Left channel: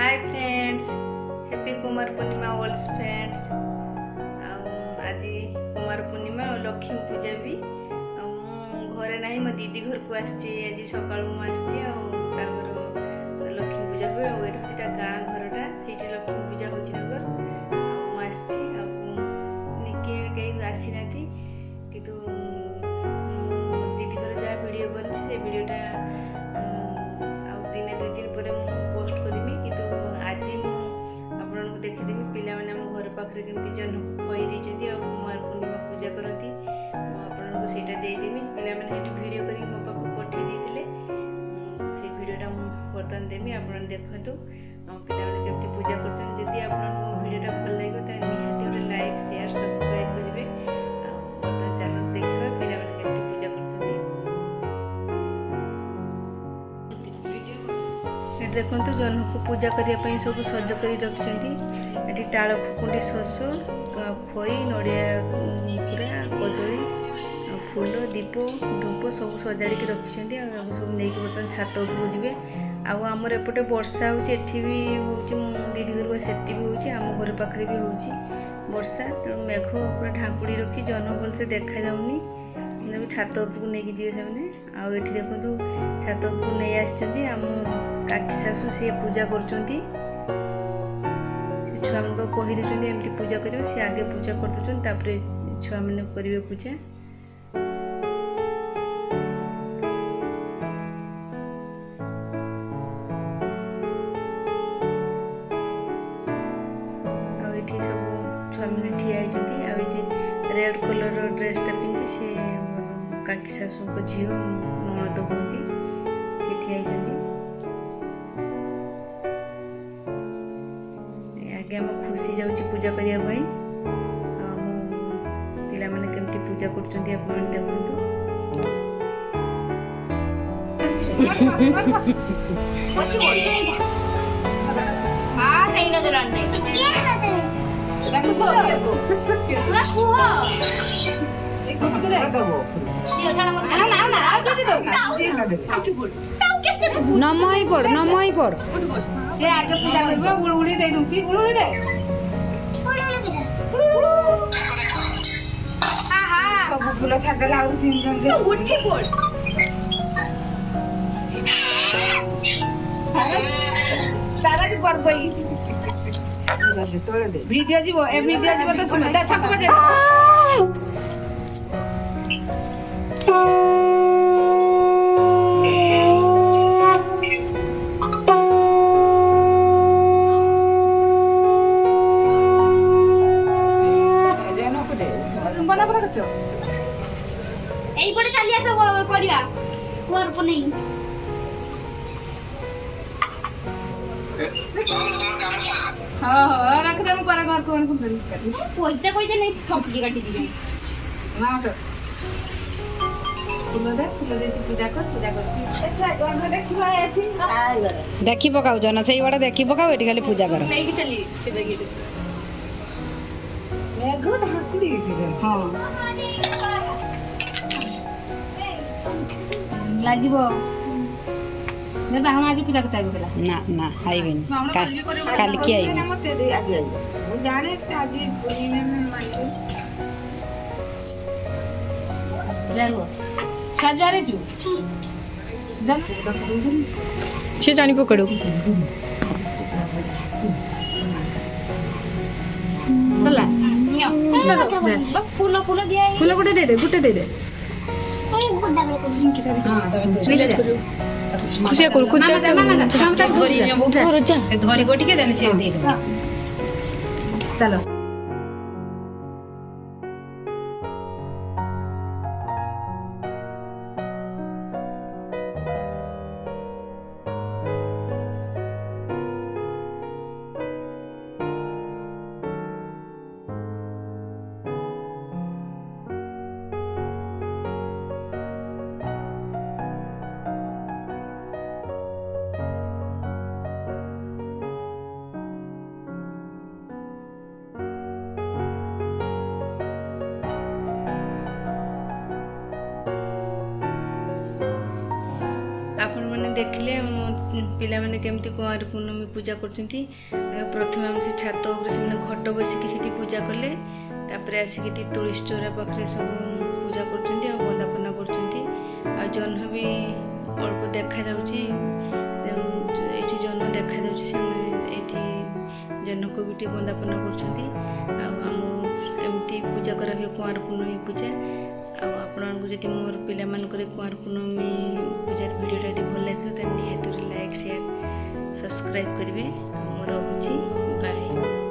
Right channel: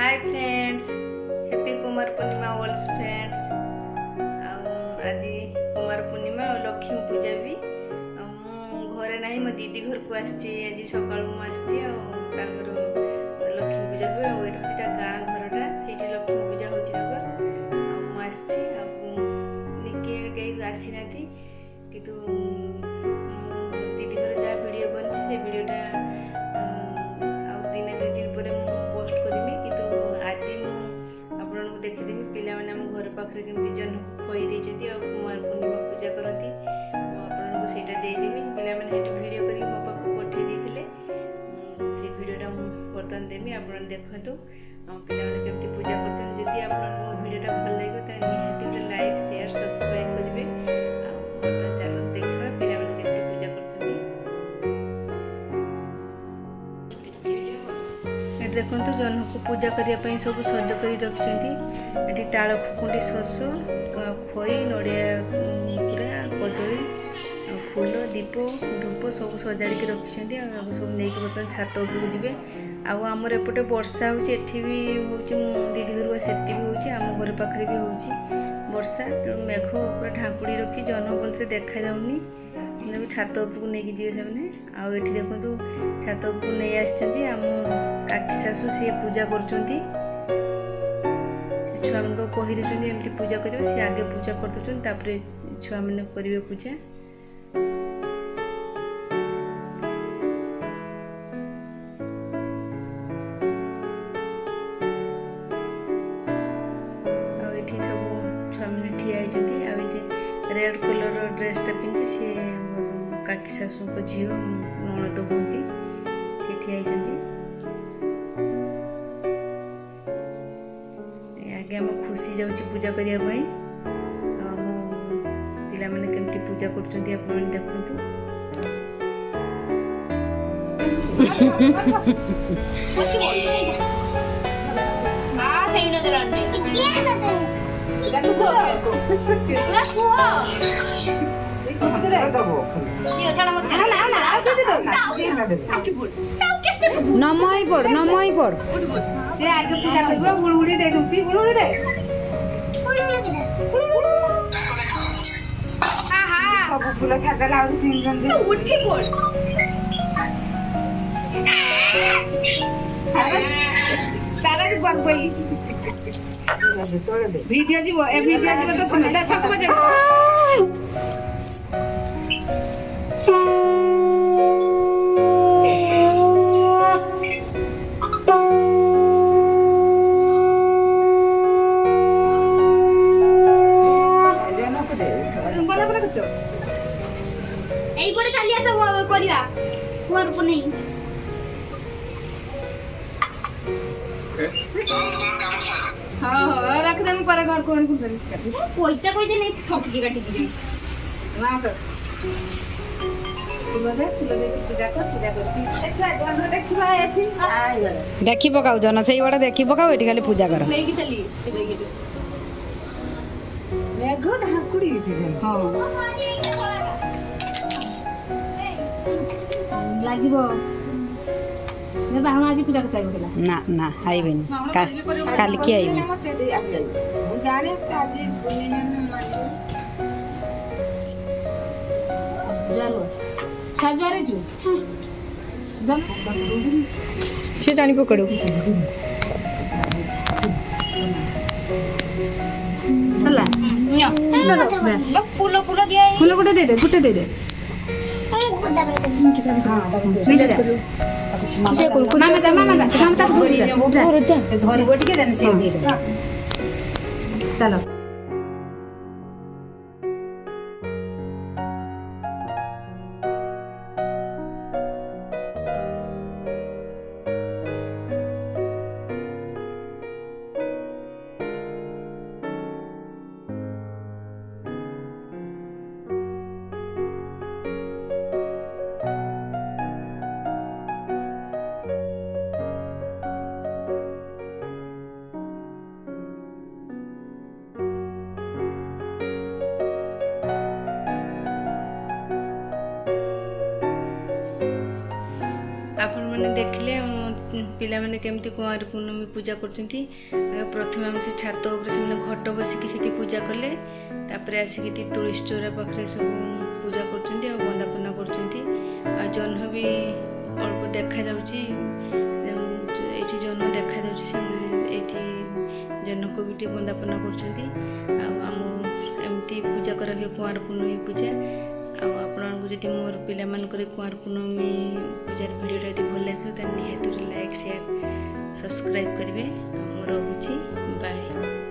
Hi friends, happy Kumar पूर्णिमा ऑल्स friends. आज कुमार पूर्णिमा और लक्ष्मी पूजा भी घरे ना मो दीदी घर को आसी आज सका लक्ष्मी पूजा हुए और ये हूँ गाँ घरटा से लक्ष्मी पूजा होके आसी ना कि दीदी घर जहाँ वीडियो बनी से वीडियोटा दिने 2 दिन पर पोस्ट करमी कि आज मुझे देखीदेमी पिला मैंने आम घर पाखे केमती जन खई देती और कुमार पूर्णिमा पूजा करती आपको सेटा देदेमी पिला मैंने वीडियो करके मो पाक पठे देते से वीडियोटा बर्तमान देमी आप देखु पिला मैंने केमती पूजा करदी आपको वीडियोटा भल लगे तो निहाती गोटे लाइक शेयर सब्सक्राइब करेंगे। बर्तमान चलो देखा पिला मैंने केमती पूजा कर देखु जन को पूजा करने सब सज कर रखी ताल खुकुंडी शस खई नड़िया पूरा कदली फूल दीप धूप सब सजाड़ी रखिंट सब नहीं बर्तमान छात उपरको जी आमर एपटे वर्षा होती भी हूँ दीदी घर सेठी भी होम घर पाखे भी हो वर्षा तेणु मेघ पूरा ढांकुड़ी रखी जन भलसे देखा जाऊनी छात उपरको नहीं जी से आठ देखु छात उपरको नहीं आम काकी शाशु सी पूजा कर छुआ मान कहीदे एमती पूजा कर सी आगे पूजा कर छुआ मैंने करेंगे पूजा सब छुआ मैंने ठिया होती रेड कलर ड्रेसटा पिंधि सी काकी शाशु झील नणद हूँ सी ठिया आगे आम खुशी जाऊँगी पूजा करने आम पिला माने केमती पूजा कर देखु नमई पड़ से आज पूजा करबो उड़ी दे दूची उड़ी दे आहा सब फूल छाडला और 3 जन उठी पड़ सारा जी गई वीडियो जीवो ए वीडियो जीवो तो सुन 10 बजे देखी पकाऊ जन से बड़ा देखी पकाऊ ये खाली पूजा कर आज पूजा करता ना ना आइबे काल की आइबे से जानी पकड़ो फूल फूल दिया फूल गुटे दे दे चलो आपण मैंने देखले पिलामाने केमती कुंवार पूर्णमी पूजा करछंती प्रथम हम से छात ऊपर से घट बसिकी सेठी पूजा कले तापर आसिकी तुलसी चौरा पाखे सब पूजा करछंती आ वंदापना करछंती आ जह्न भी अल्प देखा जाउची एठी जह्न देखा जाउची से एठी जह्न को भी वंदापना करछंती आ हम एमती पूजा करा हुए कुंवार पूर्णमी पूजा आपको जब मोर पिला कुंवार पूर्णमी पूजार वीडियोटा यदि भल लगे तो निहाती लाइक शेयर सब्सक्राइब करेंगे। मोर रोची बाय।